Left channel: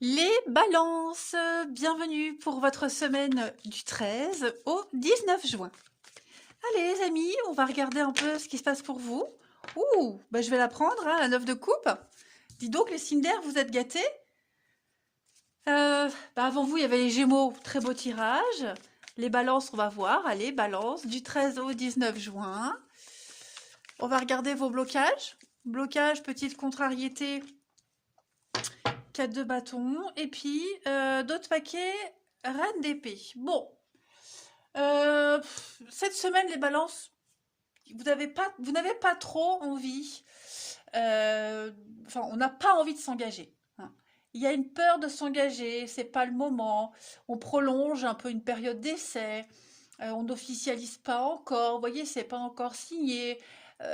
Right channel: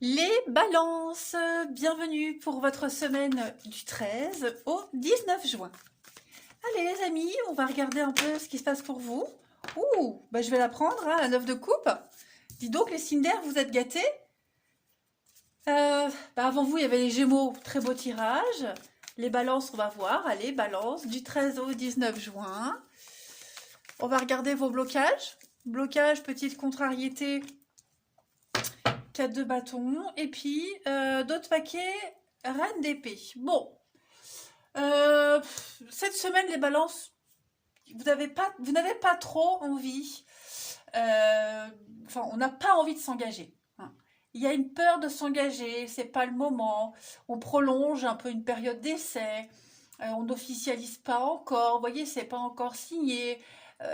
Les balances, bienvenue pour votre semaine du 13 au 19 juin. Allez les amis, on va regarder un peu ce qui se passe pour vous. Ouh, bah je vais la prendre, hein, la 9 de coupe. Dis donc les Cinder, vous êtes gâtés. Avant vous, il y avait les Gémeaux, très beau tirage. Les balances, on va voir. Allez, balance, du 13 au 19 juin. On va regarder vos blocages. Blocage, petite contrariété, 4 de bâton. Et puis, d'autres paquets, reine d'épée. Bon, cette semaine, les balances, vous n'avez pas trop envie. Enfin, on n'a pas envie de s'engager, hein. Il y a une peur de s'engager, c'est pas le moment. On prolonge un peu une période d'essai. On n'officialise pas encore. Vous voyez, c'est pas encore signé.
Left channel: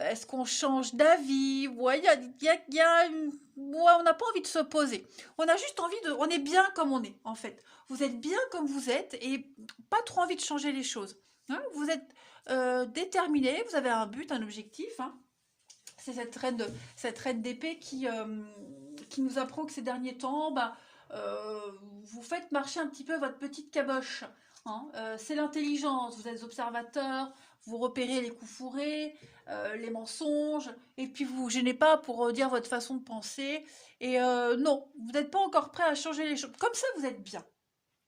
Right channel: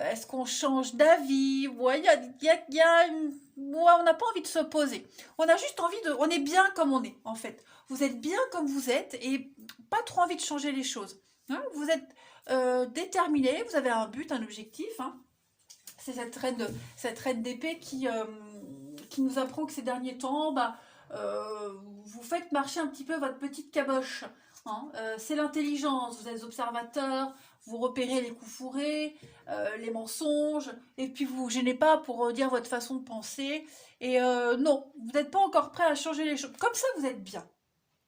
Est-ce qu'on change d'avis? Ouais, ouais, on n'a pas envie de s'opposer. On a juste envie de. On est bien comme on est, en fait. Vous êtes bien comme vous êtes et pas trop envie de changer les choses, hein. Vous êtes déterminé, vous avez un but, un objectif, hein. C'est cette reine d'épée qui nous apprend que ces derniers temps, vous faites marcher un petit peu votre petite caboche, hein. C'est l'intelligence, vous êtes observateur, vous repérez les coups fourrés, les mensonges, et puis vous vous gênez pas pour dire votre façon de penser. Et non, vous n'êtes pas encore prêt à changer les choses. Comme ça, vous êtes bien,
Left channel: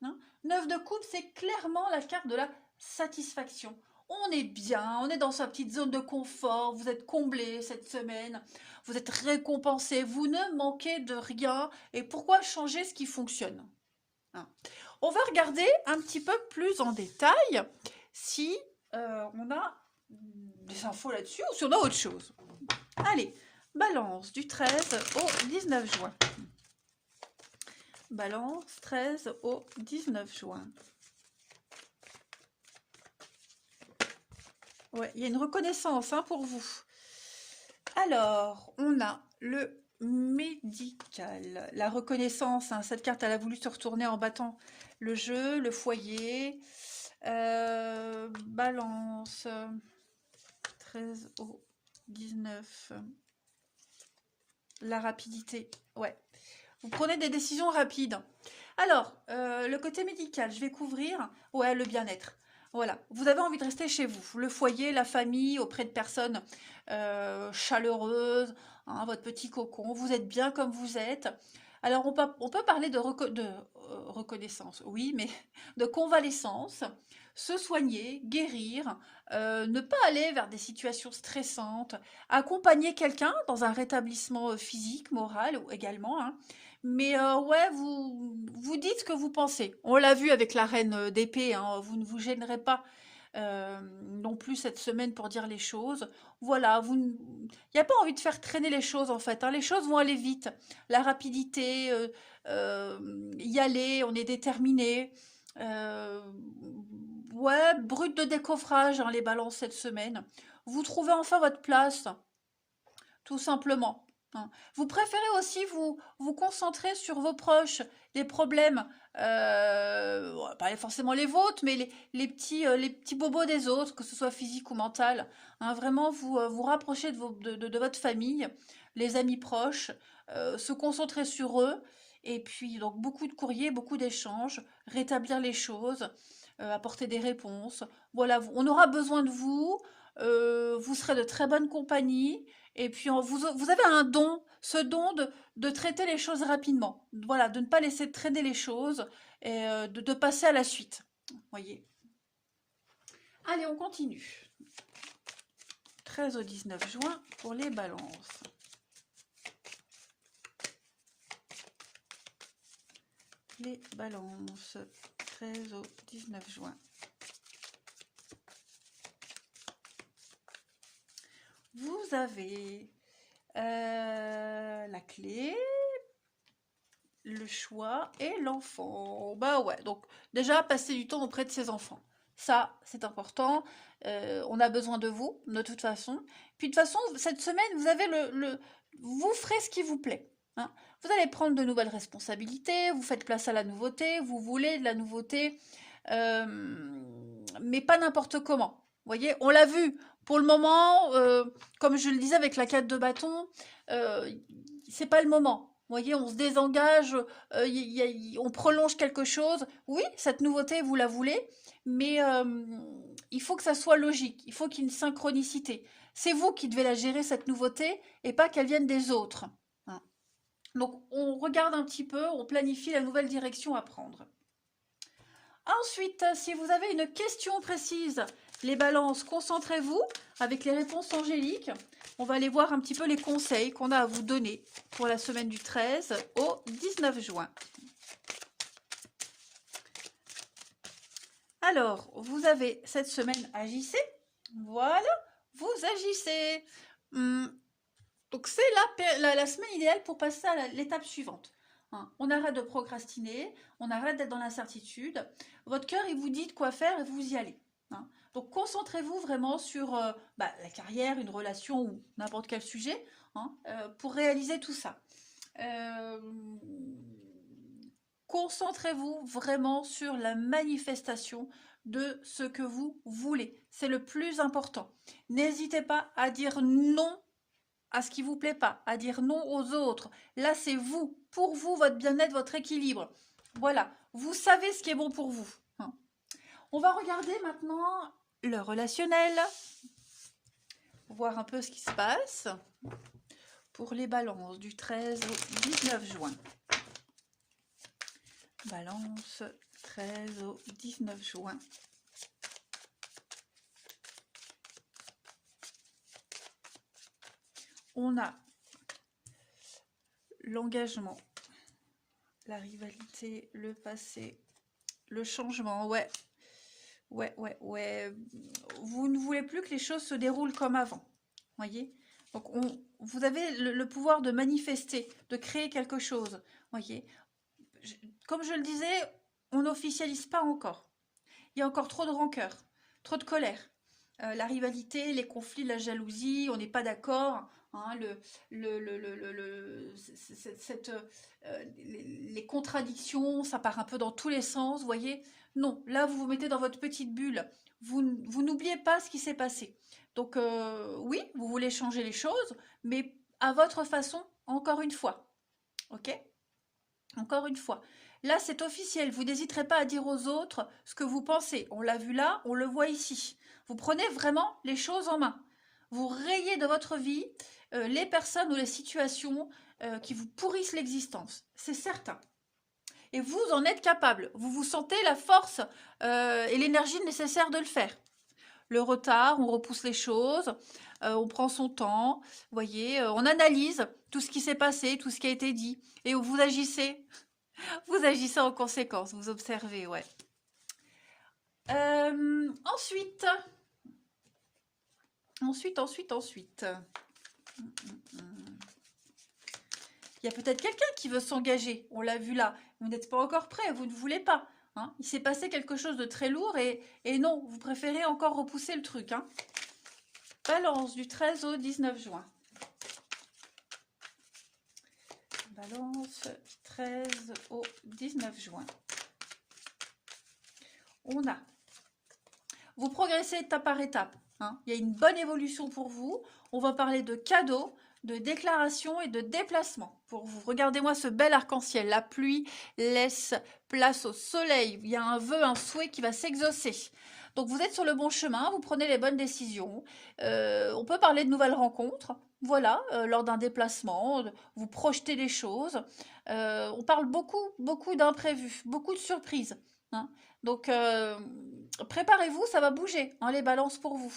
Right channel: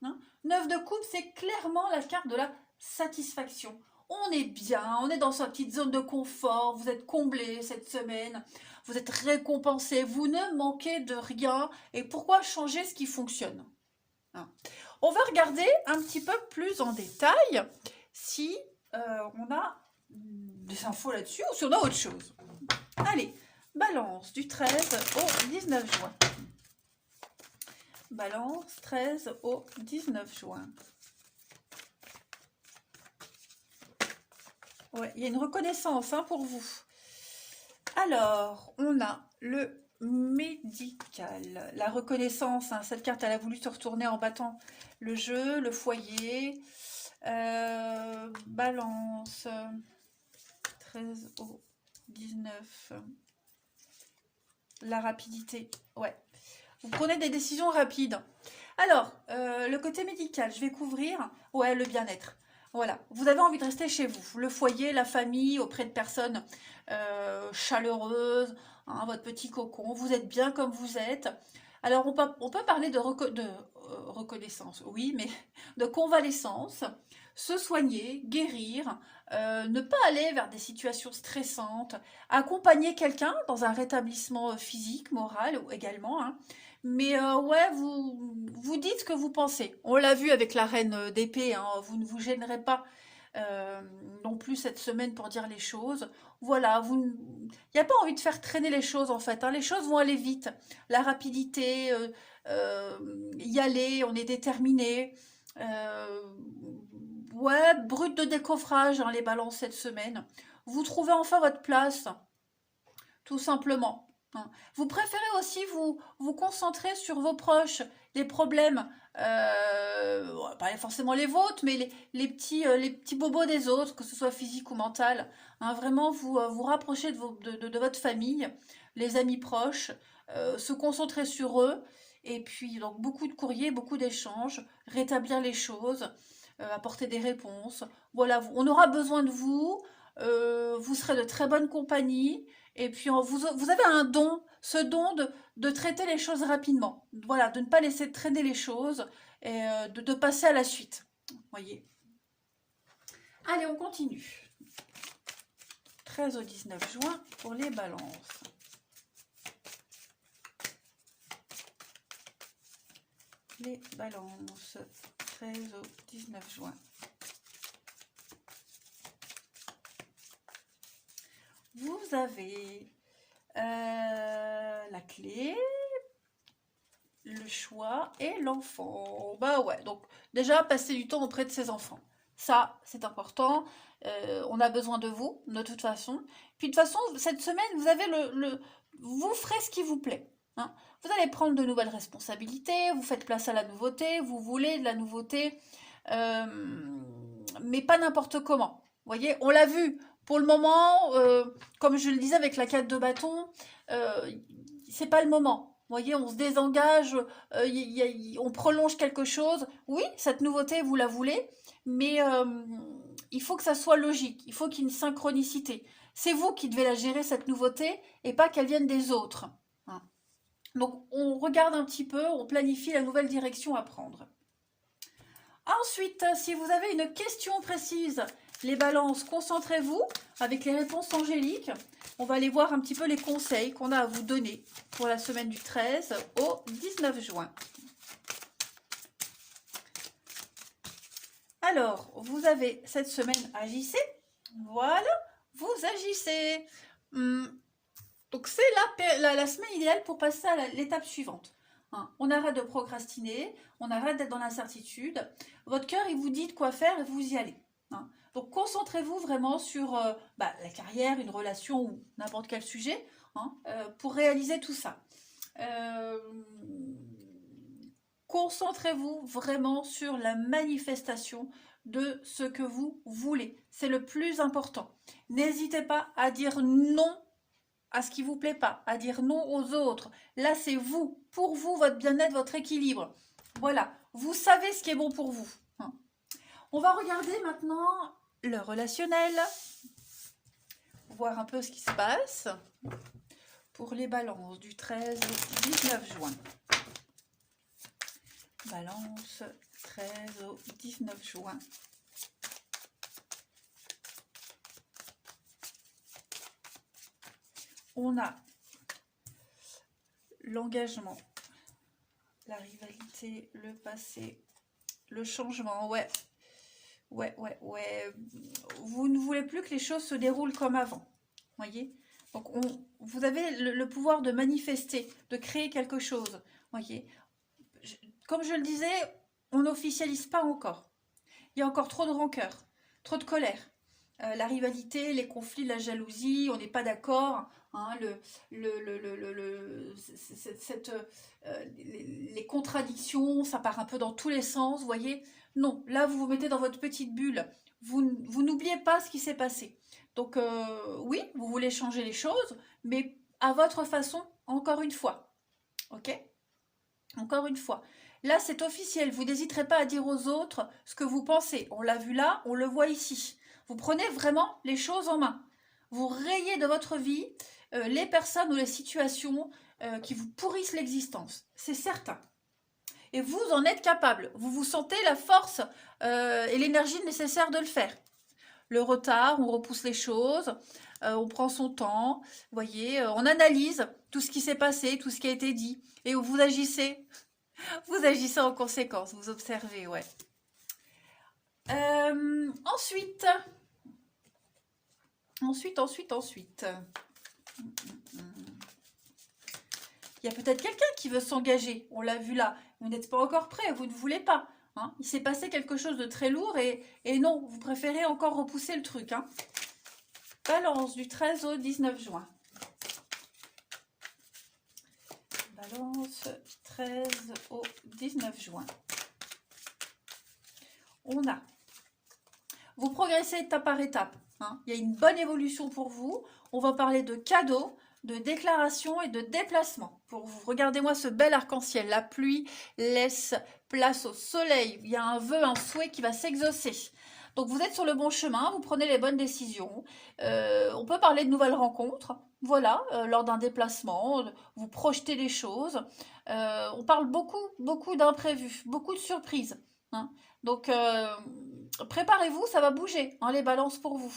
hein. 9 de coupe, c'est clairement la carte de la satisfaction. On est bien, on est dans sa petite zone de confort, vous êtes comblé cette semaine, vous êtes récompensé, vous ne manquez de rien. Et pourquoi changer ce qui fonctionne, hein? On va regarder un petit peu plus en détail si on a des infos là-dessus ou si on a autre chose. Allez, balance du 13 au 19 juin. Balance 13 au 19 juin. Ouais, il y a une reconnaissance, hein, pour vous. Alors, on a le médical. La reconnaissance, hein, cette carte, elle a voulu se retourner en battant le jeu, le foyer. Balance 13 au 19. La rapidité. Ouais. Vous prenez des décisions rapides. Alors, le côté médical, je vais couvrir. Ouais, le bien-être. Voilà, vous avez envie de rester chez vous, le foyer, la famille, auprès de personnes chaleureuses, hein, votre petit cocon, vous êtes bien comme vous êtes. Alors on peut parler de, reconnaissance, oui, mais de convalescence, se soigner, guérir, ne pas aller vers des situations stressantes, accompagner quelqu'un dans un rétablissement physique, moral également, hein. Mais ouais, vous dites ce que vous pensez. On l'a vu avec la reine d'épée, hein, vous ne vous gênerez pas non plus cette semaine pour dire les choses. Voilà, il n'y a pas envie de faire traîner les choses en fait, hein. Les choses vont aller vite. La rapidité, y aller, on est déterminé. Euh, ouais, brut de décoffrage, hein, les balances cette semaine. Vous trouvez enfin votre place, tout simplement, hein. Vous préférez aussi vous concentrer sur vos proches, les problèmes, pas forcément les vôtres, mais les petits bobos des autres, que ce soit physique ou mental, hein. Vraiment, vous rapprocher de votre famille, les amis proches, se concentrer sur eux, et puis donc beaucoup de courriers, beaucoup d'échanges, rétablir les choses, apporter des réponses. Voilà, on aura besoin de vous, vous serez de très bonne compagnie. Et puis, vous avez un don, ce don de traiter les choses rapidement. Voilà, de ne pas laisser traîner les choses et de passer à la suite. Voyez. Allez, on continue. 13 au 19 juin pour les balances. Les balances. 13 au 19 juin. Vous avez la clé, le choix et l'enfant. Bah ouais, donc déjà passer du temps auprès de ses enfants. Ça, c'est important. On a besoin de vous, de toute façon. Puis de toute façon, cette semaine, vous avez vous ferez ce qui vous plaît, hein. Vous allez prendre de nouvelles responsabilités, vous faites place à la nouveauté, vous voulez de la nouveauté, euh, mais pas n'importe comment. Vous voyez, on l'a vu. Pour le moment, comme je le disais avec la 4 de bâton, c'est pas le moment. voyez, on se désengage, on prolonge quelque chose. Oui, cette nouveauté, vous la voulez, mais il faut que ça soit logique. Il faut qu'il y ait une synchronicité. C'est vous qui devez la gérer, cette nouveauté, et pas qu'elle vienne des autres. Hein. Donc, on regarde un petit peu, on planifie la nouvelle direction à prendre. Ensuite, si vous avez une question précise, les balances, concentrez-vous avec les réponses angéliques. On va aller voir un petit peu les conseils qu'on a à vous donner pour la semaine du 13 au 19 juin. Alors, vous avez cette semaine, agissez. Voilà, vous agissez. Donc, c'est la semaine idéale pour passer à l'étape suivante. Hein, on arrête de procrastiner, on arrête d'être dans l'incertitude. Votre cœur, il vous dit de quoi faire et vous y allez. Hein. Donc, concentrez-vous vraiment sur la carrière, une relation ou n'importe quel sujet pour réaliser tout ça. Concentrez-vous vraiment sur la manifestation de ce que vous voulez. C'est le plus important. N'hésitez pas à dire non à ce qui ne vous plaît pas, à dire non aux autres. Là, c'est vous, pour vous, votre bien-être, votre équilibre. Voilà, vous savez ce qui est bon pour vous. Hein. On va regarder maintenant le relationnel, voir un peu ce qui se passe pour les balances du 13 au 19 juin. Balance 13 au 19 juin. On a l'engagement, la rivalité, le passé, le changement. Ouais. Vous ne voulez plus que les choses se déroulent comme avant. Voyez. Donc, vous avez le pouvoir de manifester, de créer quelque chose. Voyez. Comme je le disais, on n'officialise pas encore. Il y a encore trop de rancœur, trop de colère. La rivalité, les conflits, la jalousie, on n'est pas d'accord. Hein, les contradictions, ça part un peu dans tous les sens, vous voyez. Non, là, vous vous mettez dans votre petite bulle. Vous n'oubliez pas ce qui s'est passé. Donc, oui, vous voulez changer les choses, mais à votre façon, encore une fois. Ok ? Encore une fois. Là, c'est officiel. Vous n'hésiterez pas à dire aux autres ce que vous pensez. On l'a vu là, on le voit ici. Vous prenez vraiment les choses en main. Vous rayez de votre vie les personnes ou les situations qui vous pourrissent l'existence. C'est certain. Et vous en êtes capable. Vous vous sentez la force et l'énergie nécessaire de le faire. Le retard, on repousse les choses, on prend son temps, voyez, on analyse tout ce qui s'est passé, tout ce qui a été dit, et vous agissez. Vous agissez en conséquence, vous observez, ouais. Ensuite. Il y a peut-être quelqu'un qui veut s'engager. On l'a vu là. Vous n'êtes pas encore prêt, vous ne voulez pas. Hein. Il s'est passé quelque chose de très lourd et non, vous préférez encore repousser le truc. Hein. Balance du 13 au 19 juin. Balance 13 au 19 juin. On a. Vous progressez étape par étape. Hein. Il y a une bonne évolution pour vous. On va parler de cadeaux, de déclarations et de déplacements. Pour vous, regardez-moi ce bel arc-en-ciel. La pluie laisse place au soleil. Il y a un vœu, un souhait qui va s'exaucer. Donc vous êtes sur le bon chemin, vous prenez les bonnes décisions. On peut parler de nouvelles rencontres. Voilà, lors d'un déplacement, vous projetez les choses. On parle beaucoup d'imprévus, beaucoup de surprises. Hein. Donc préparez-vous, ça va bouger, hein, les balances pour vous.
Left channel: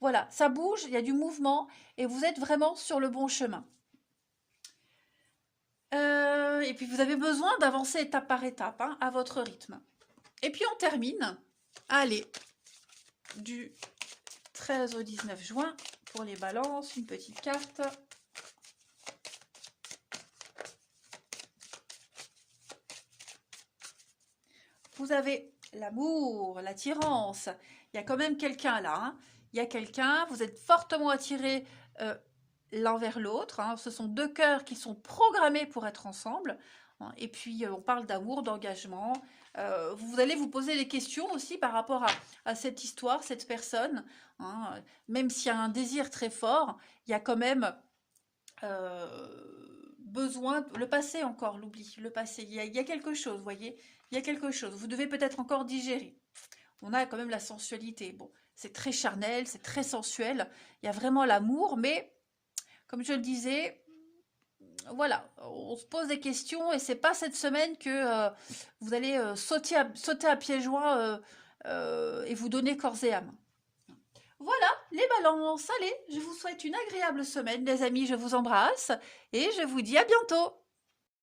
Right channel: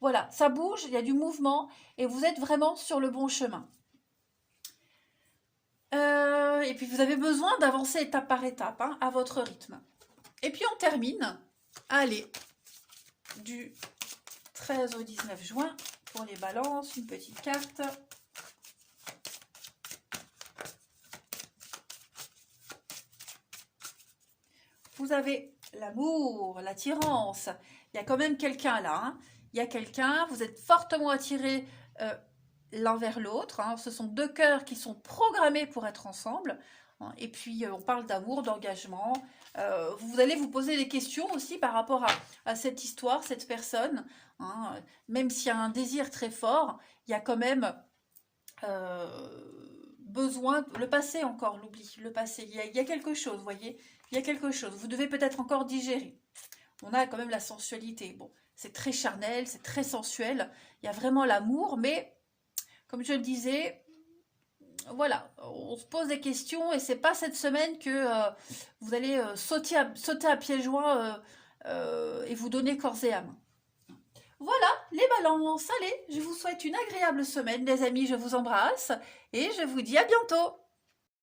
Voilà, ça bouge, il y a du mouvement et vous êtes vraiment sur le bon chemin. Et puis vous avez besoin d'avancer étape par étape, hein, à votre rythme. Et puis on termine, allez, du 13 au 19 juin pour les balances, une petite carte. Vous avez l'amour, l'attirance. Il y a quand même quelqu'un là. Hein. Il y a quelqu'un, vous êtes fortement attirés l'un vers l'autre. Hein. Ce sont deux cœurs qui sont programmés pour être ensemble. Hein. Et puis, on parle d'amour, d'engagement. Vous allez vous poser des questions aussi par rapport à cette histoire, cette personne. Hein. Même s'il y a un désir très fort, il y a quand même besoin, le passé encore, l'oubli, le passé, il y a quelque chose, vous voyez, il y a quelque chose, vous devez peut-être encore digérer. On a quand même la sensualité, bon, c'est très charnel, c'est très sensuel, il y a vraiment l'amour, mais comme je le disais, voilà, on se pose des questions et c'est pas cette semaine que vous allez sauter à pieds joints et vous donner corps et âme. Voilà, les balances, allez, je vous souhaite une agréable semaine, les amis, je vous embrasse et je vous dis à bientôt.